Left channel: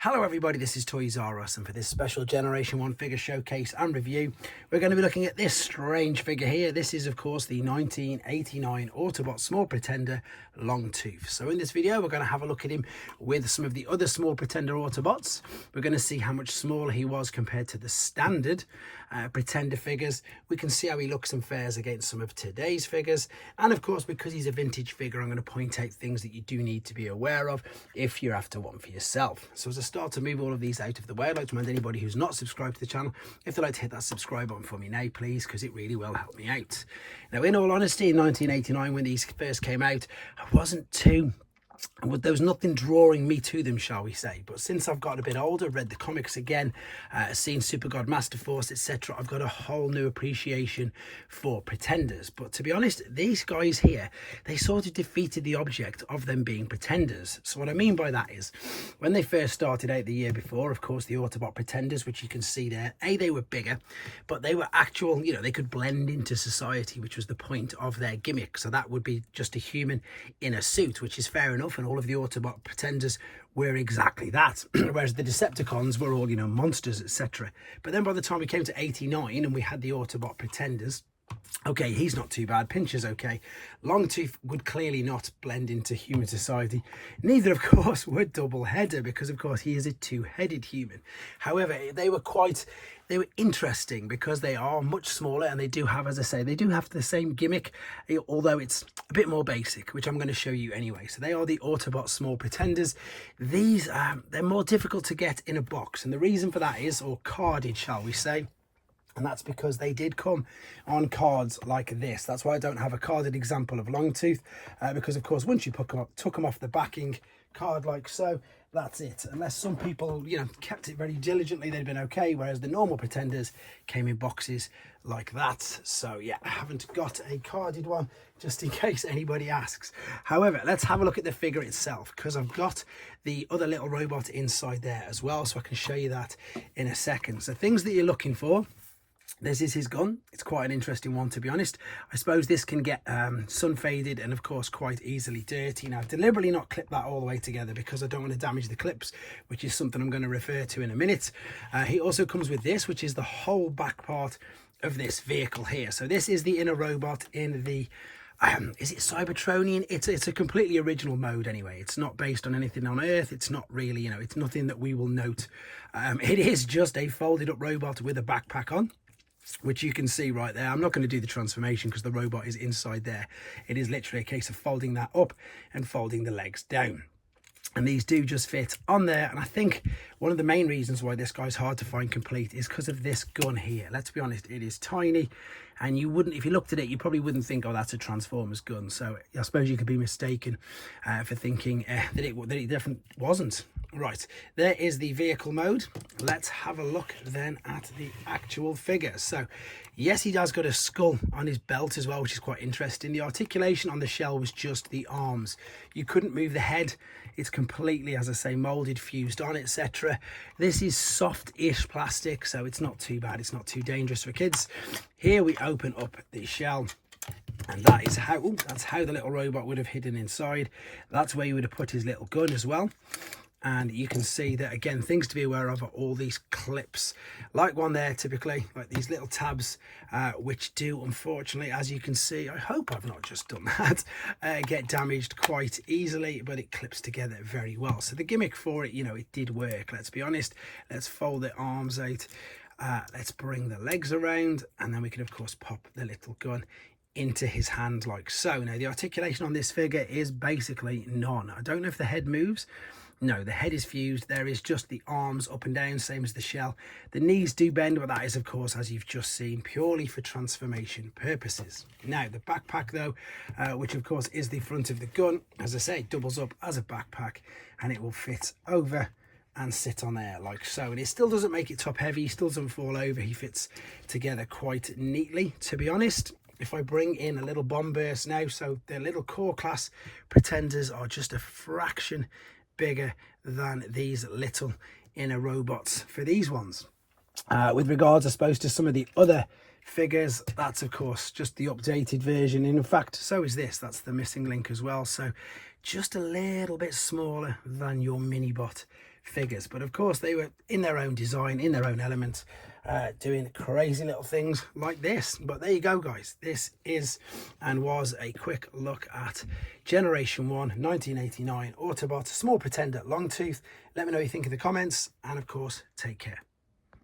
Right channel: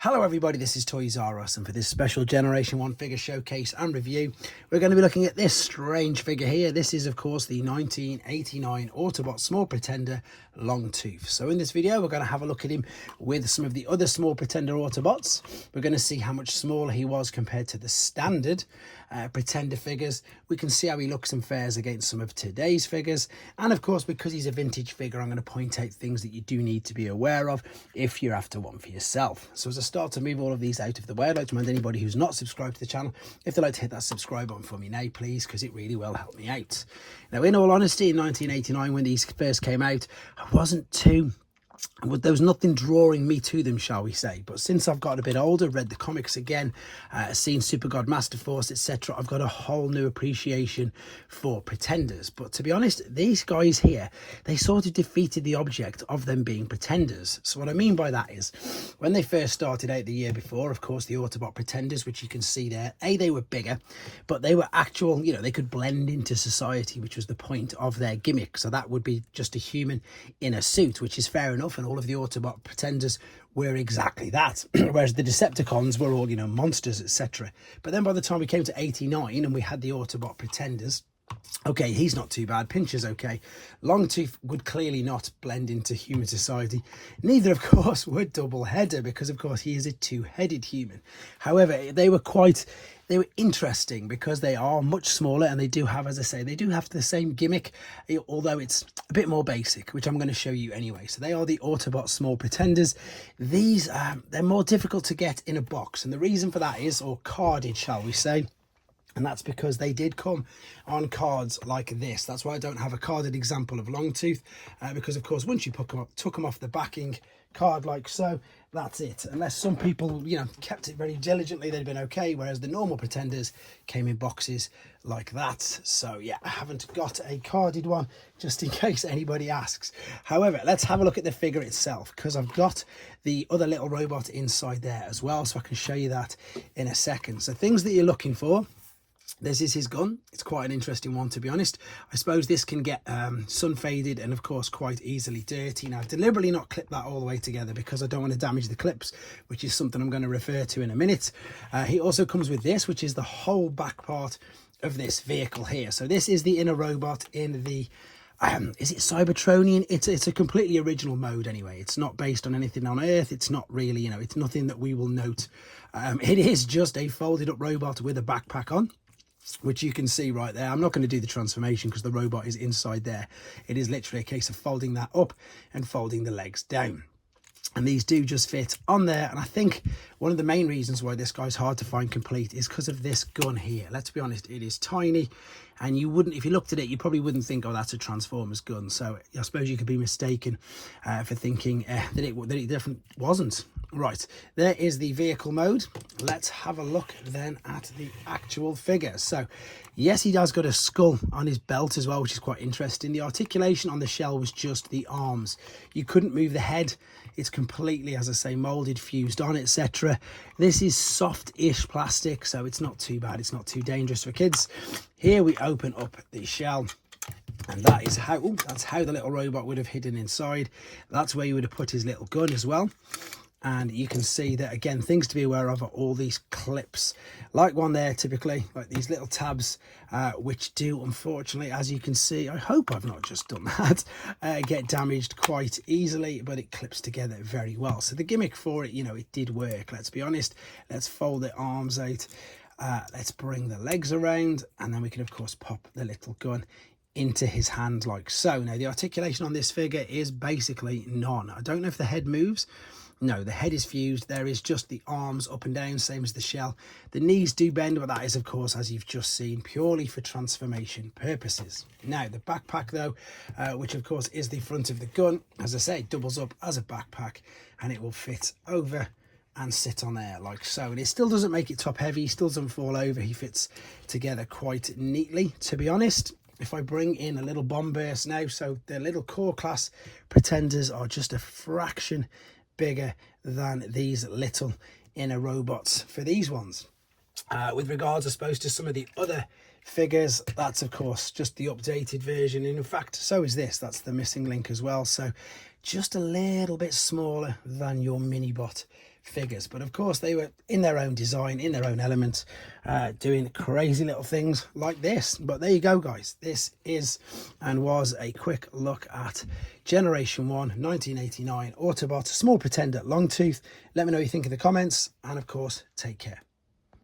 Hello everybody, this is Toys R Us, and for this special Generation 1 figure showcase and review, we're going to be looking at this strange figure here. This is of course the 1989 Autobot Small Pretender Longtooth. So in this video we're going to have a look at him with some of the other Small Pretender Autobots. We're going to see how much smaller he was compared to the standard Pretender figures. We can see how he looks and fares against some of today's figures, and of course because he's a vintage figure I'm going to point out things that you do need to be aware of if you're after one for yourself. So as a start to move all of these out of the way, I'd like to remind anybody who's not subscribed to the channel, if they'd like to hit that subscribe button for me now please, because it really will help me out. Now in all honesty, in 1989 when these first came out, there was nothing drawing me to them, shall we say. But since I've got a bit older, read the comics again, seen Super God, Master Force, etc., I've got a whole new appreciation for Pretenders. But to be honest, these guys here, they sort of defeated the object of them being Pretenders. So what I mean by that is, when they first started out the year before, of course, the Autobot Pretenders, which you can see there, they were bigger, but they were actual, they could blend into society, which was the point of their gimmick. So that would be just a human in a suit, which is fair enough, and all of the Autobot Pretenders were exactly that, whereas the Decepticons were all, monsters, etc. But then by the time we came to 89 and we had the Autobot Pretenders, okay, he's not too bad, Pincher's okay, Longtooth would clearly not blend into human society. Neither, of course, would Doubleheader, because of course he is a two-headed human. However, they were interesting because they are much smaller, and they do have, as I say, they do have the same gimmick, although it's a bit more basic, which I'm going to show you anyway. So they are the Autobot Small Pretenders. These, they're more difficult to get in a box, and the reason for that is, or carded, shall we say, and that's because they did come on cards like this. That's why I don't have a carded example of Longtooth, because of course once you took them off the backing card like so, that's it. Unless some people kept it very diligently, they'd been okay, whereas the normal Pretenders came in boxes like that. So yeah, I haven't got a carded one, just in case anybody asks. However, let's have a look at the figure itself, because I've got the other little robot inside there as well, so I can show you that in a second. So things that you're looking for: this is his gun. It's quite an interesting one, to be honest. I suppose this can get sun faded and of course quite easily dirty. Now I've deliberately not clipped that all the way together because I don't want to damage the clips, which is something I'm going to refer to in a minute. He also comes with this, which is the whole back part of this vehicle here. So this is the inner robot in the is it Cybertronian? It's a completely original mode anyway. It's not based on anything on Earth. It's not really, it's nothing that we will note. It is just a folded up robot with a backpack on, which you can see right there. I'm not going to do the transformation because the robot is inside there. It is literally a case of folding that up and folding the legs down. And these do just fit on there. And I think one of the main reasons why this guy's hard to find complete is because of this gun here. Let's be honest, it is tiny, and you wouldn't, if you looked at it, you probably wouldn't think, oh, that's a Transformers gun. So I suppose you could be mistaken for thinking that it definitely wasn't. Right, there is the vehicle mode. Let's have a look then at the actual figure. So yes, he has got a skull on his belt as well, which is quite interesting. The articulation on the shell was just the arms. You couldn't move the head. It's completely, as I say, molded, fused on, etc. This is soft-ish plastic, so it's not too bad. It's not too dangerous for kids. Here we open up the shell, and that is how, that's how the little robot would have hidden inside. That's where you would have put his little gun as well. And you can see that, again, things to be aware of are all these clips, like one there typically, like these little tabs, which do, unfortunately, as you can see, I hope I've not just done that, get damaged quite easily, but it clips together very well. So the gimmick for it, it did work, let's be honest. Let's fold the arms out, let's bring the legs around, and then we can of course pop the little gun into his hand like so. Now the articulation on this figure is basically none. I don't know if the head moves. No, the head is fused. There is just the arms up and down, same as the shell. The knees do bend, but that is, of course, as you've just seen, purely for transformation purposes. Now, the backpack, though, which, of course, is the front of the gun, as I say, doubles up as a backpack, and it will fit over and sit on there like so. And it still doesn't make it top heavy. He still doesn't fall over. He fits together quite neatly, to be honest. If I bring in a little bomb burst now, so the little core class Pretenders are just a fraction bigger than these little inner robots for these ones. With regards, I suppose, to some of the other figures, that's of course just the updated version, and in fact so is this. That's the missing link as well. So just a little bit smaller than your mini bot figures. But of course they were in their own design, in their own elements, doing crazy little things like this. But there you go, guys. This is and was a quick look at Generation 1 1989 Autobot Small Pretender Longtooth. Let me know what you think in the comments, and of course, take care.